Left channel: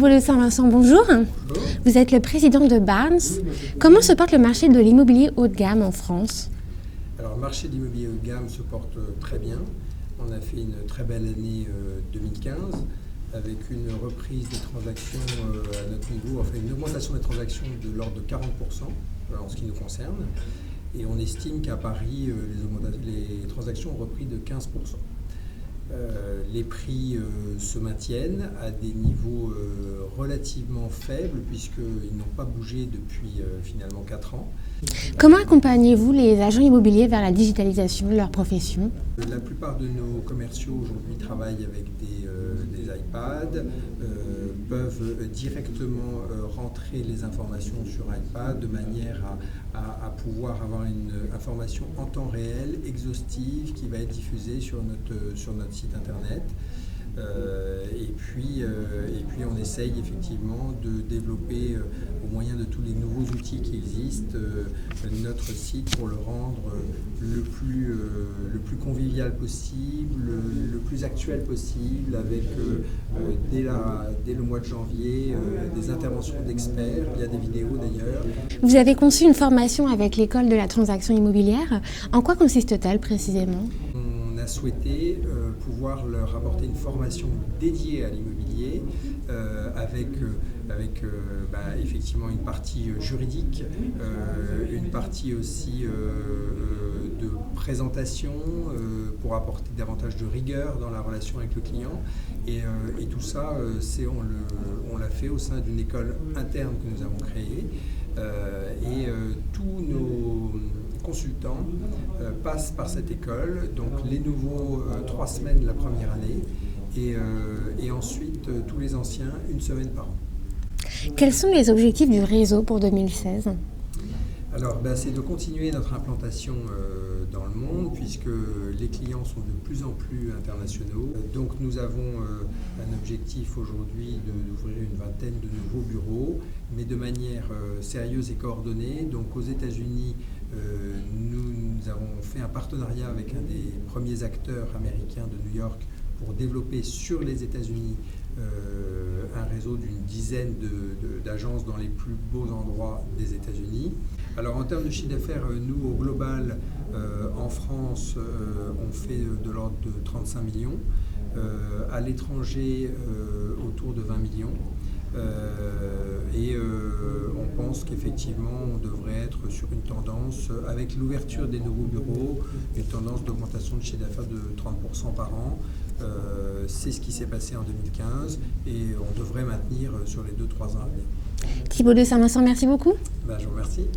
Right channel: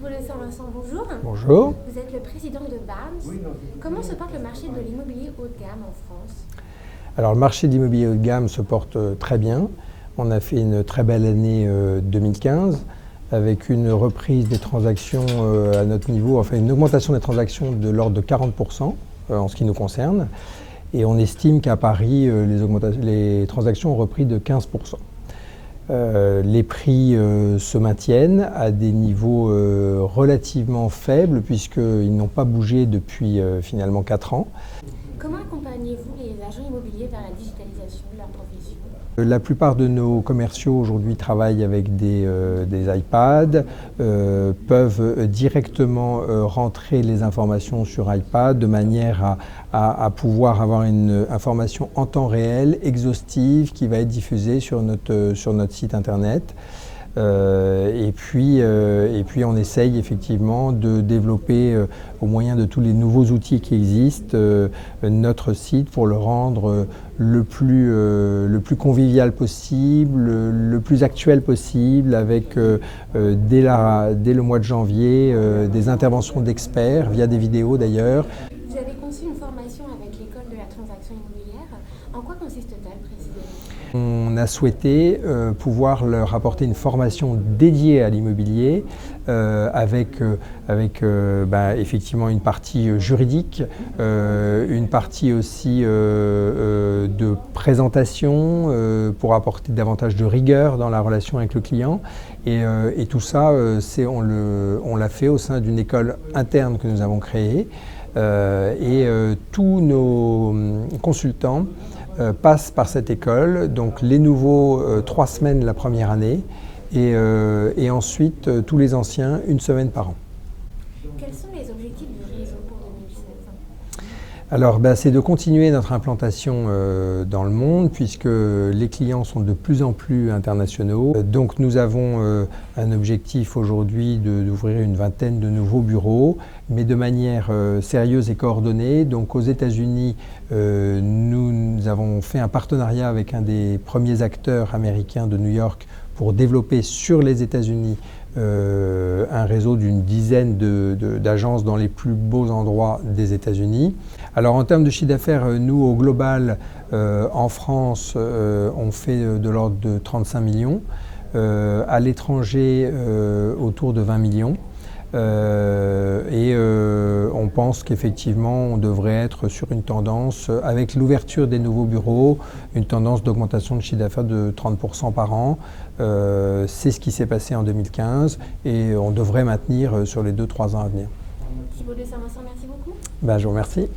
Thibault de Saint-Vincent, bonjour. Bonjour. Vous êtes le président de Barnes. Comment se porte le marché de l'immobilier haut de gamme en France? Alors, le marché de l'immobilier haut de gamme se porte très bien. On a fait une très belle année 2015 avec une reprise des transactions à notre niveau, enfin une augmentation des transactions de l'ordre de 40% en ce qui nous concerne. Et on estime qu'à Paris, les transactions ont repris de 15%. Les prix se maintiennent à des niveaux relativement faibles puisqu'ils n'ont pas bougé depuis finalement 4 ans. Comment accompagnez-vous les agents immobiliers vers la digitalisation de leur profession? La plupart de nos commerciaux aujourd'hui travaillent avec des iPads, peuvent directement rentrer les informations sur iPad de manière à pouvoir avoir une information en temps réel, exhaustive, qui va être diffusée sur notre site internet. Et puis on essaye effectivement de développer au moyen de tous les nouveaux outils qui existent notre site pour le rendre le plus convivial possible, le plus actuel possible, avec dès le mois de janvier des interventions d'experts via des vidéos d'ailleurs. Vous avez conçu une formation avec l'école de la transaction immobilière. En quoi consiste-t-elle précisément? On a souhaité pouvoir leur apporter une formation dédiée à l'immobilier avec effectivement une partie juridique, une partie aussi de présentation pour apporter davantage de rigueur dans la relation avec le client. Et tout ça, on l'a fait au sein d'une école interne que nous avons créée. Tous nos consultants passent par cette école, donc les nouveaux 3 semaines la première année et ensuite tous les anciens 1 semaine par an. Quels sont les objectifs du réseau pour 2016 ? Alors, c'est de continuer notre implantation dans le monde puisque les clients sont de plus en plus internationaux. Donc nous avons un objectif aujourd'hui d'ouvrir une vingtaine de nouveaux bureaux, mais de manière sérieuse et coordonnée. Donc aux États-Unis, nous avons fait un partenariat avec un des premiers acteurs américains de New York pour développer sur les États-Unis un réseau d'une dizaine d'agences dans les plus beaux endroits des États-Unis. Alors en termes de chiffre d'affaires, nous au global, en France, on fait de l'ordre de 35 millions, à l'étranger autour de 20 millions. On pense qu'effectivement on devrait être sur une tendance, avec l'ouverture des nouveaux bureaux, une tendance d'augmentation de chiffre d'affaires de 30% par an. C'est ce qui s'est passé en 2015 et on devrait maintenir sur les 2-3 ans à venir. Thibault de Saint-Vincent, merci beaucoup. Je vous remercie.